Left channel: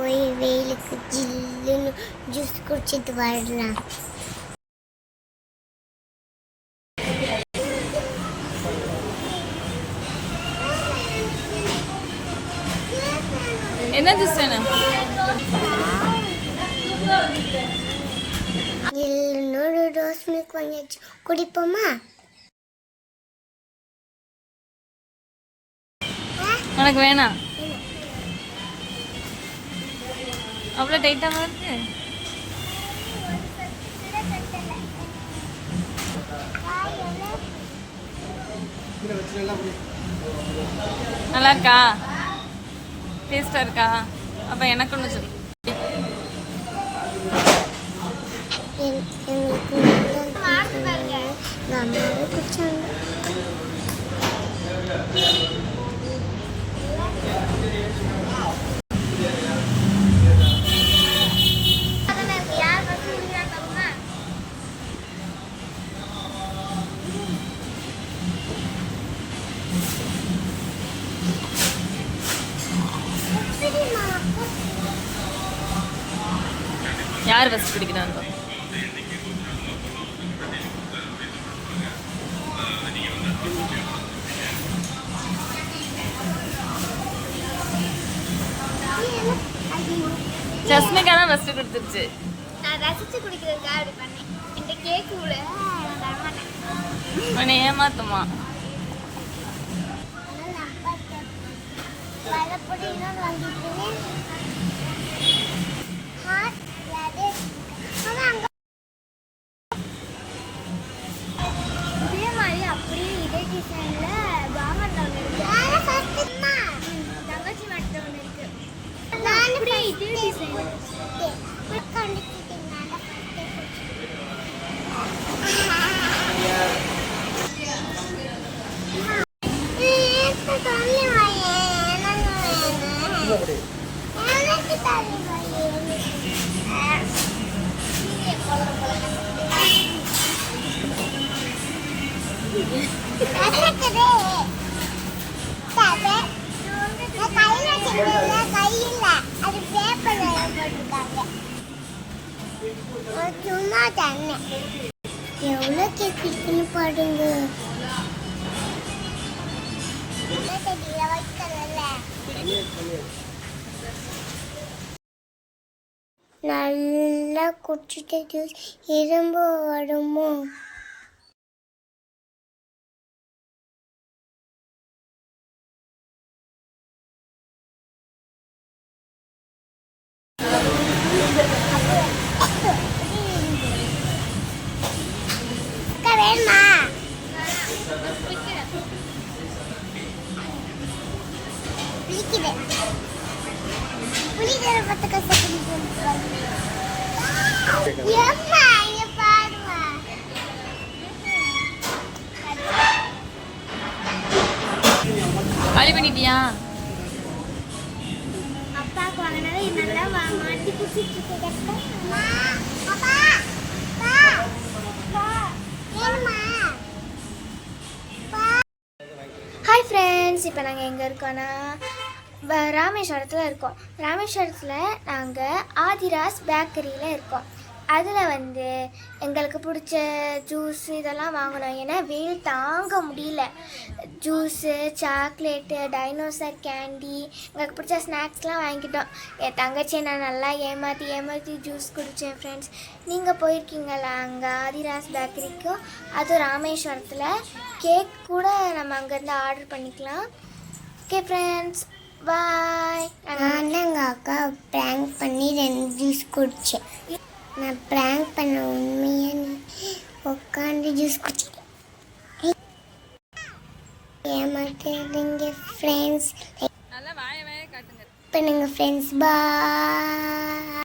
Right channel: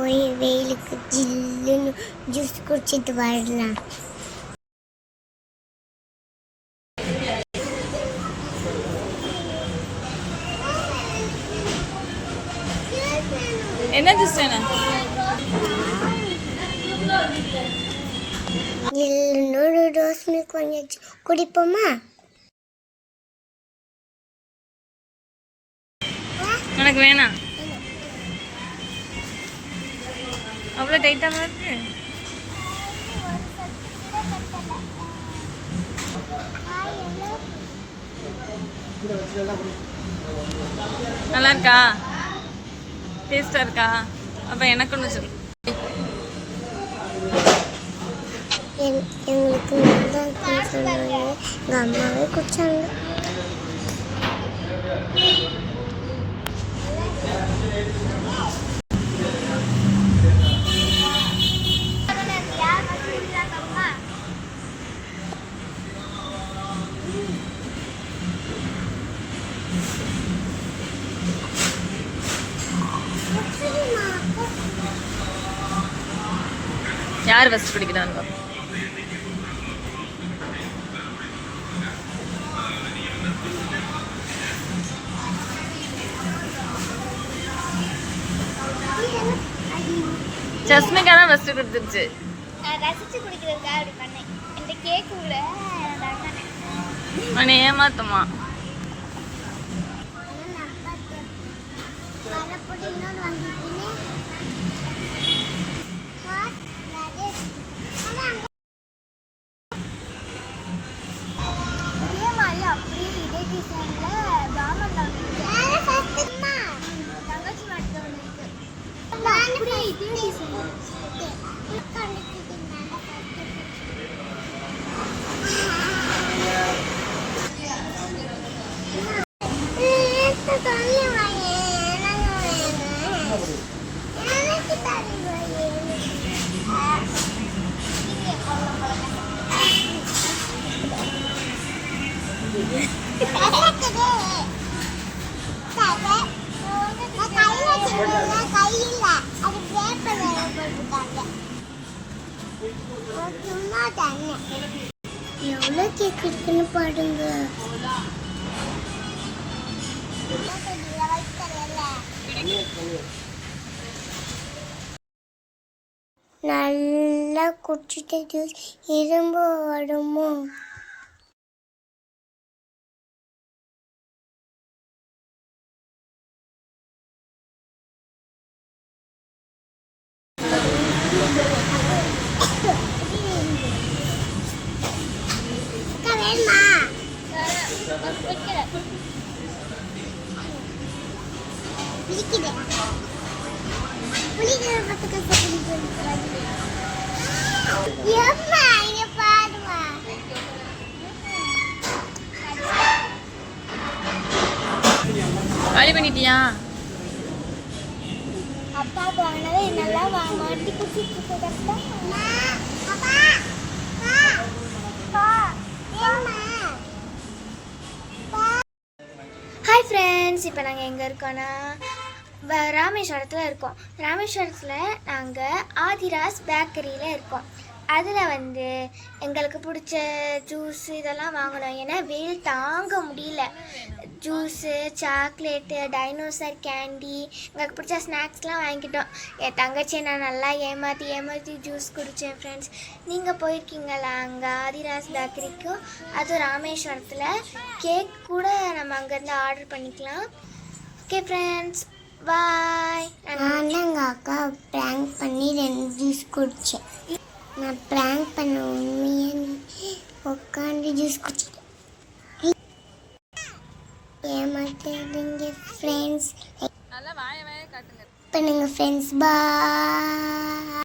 போய் வெயிலுக்கு ஜில்லுன்னு ஜூஸ் குடிச்சிட்டு வரலாம். என்ன ஜூஸ் வேணும்? ஜில்லுன்னு ரோஸ் மில்க் வாங்கியாச்சு, குடிப்போமா? உனக்கு வேணாம்? அவ்வளோ டைட்டாக இருக்கு. நல்லா இருக்கா? டேஸ்டாக இருக்கா? அப்போ எனக்கு ஒன்று சொல்லு. எங்களுக்கு எங்கள் அம்மாவே குடிச்சாங்க. யார் ஃபஸ்ட் குடிக்கிறாங்க? ஜஸ்மிகா தான் ஃபஸ்ட்டு கொடுத்துருச்சு. உன்னை ஏமாத்துமா? எவ்வளோ கேக் இருக்குன்னு பாருங்க. நல்லா குடிச்சிட்டு ஜூஸ் இரும்பு வருமோ? காலி பண்ணிட்டியா? அப்பாவுக்கு வாங்கினதை நல்லா மாட்டி குடிச்சிட்டு இருக்க. ஹாய் ஃப்ரெண்ட்ஸ், இப்போ நாங்கள் எங்கே இருக்கோன்னா ராமேஸ்வரத்தில் இருக்கோம். ராமேஸ்வரத்தில் நாங்கள் ஆதிராஸ் பேக்கரியில் இருக்கோம். அதில் எங்களுக்கு பிடிச்ச ஜூஸ் இதெல்லாம் வாங்கினோம். ஏன்னா வெயில் தாங்க முடியல. ஜூஸு, சாக்லேட்டு, டைனோசர் கேண்டி, எங்களுக்கு பிடிச்ச ஸ்நாக்ஸ்லாம் வாங்கிட்டோம். என் தங்கச்சியை நான் நல்லா ஏமாற்றி ஜூஸ் குடித்தேன். ஃப்ரெண்ட்ஸ், நீங்கள் போயிருக்கீங்களா அங்கே ஆதிராஸ் பேக்கரிக்கும்? அது ராமேஸ்வரத்தில். கேக் கூட நம்ம அங்கேருந்து ஆர்டர் பண்ணிக்கலாம். ஓகே ஃப்ரெண்ட்ஸ், பாய். நான் எங்கள் அக்கா ப்ராங்க் பண்ணி 2 ஜூஸ் குடித்தேன். நான் ப்ராங்க் பண்ண உண்மையாக உட்காந்து ஜூஸ் குடிச்சிட்டேன். ஏமாத்தாதீங்க ஃப்ரெண்ட்ஸ். பண்ணுங்க ஃப்ரெண்ட்ஸ், பாய்.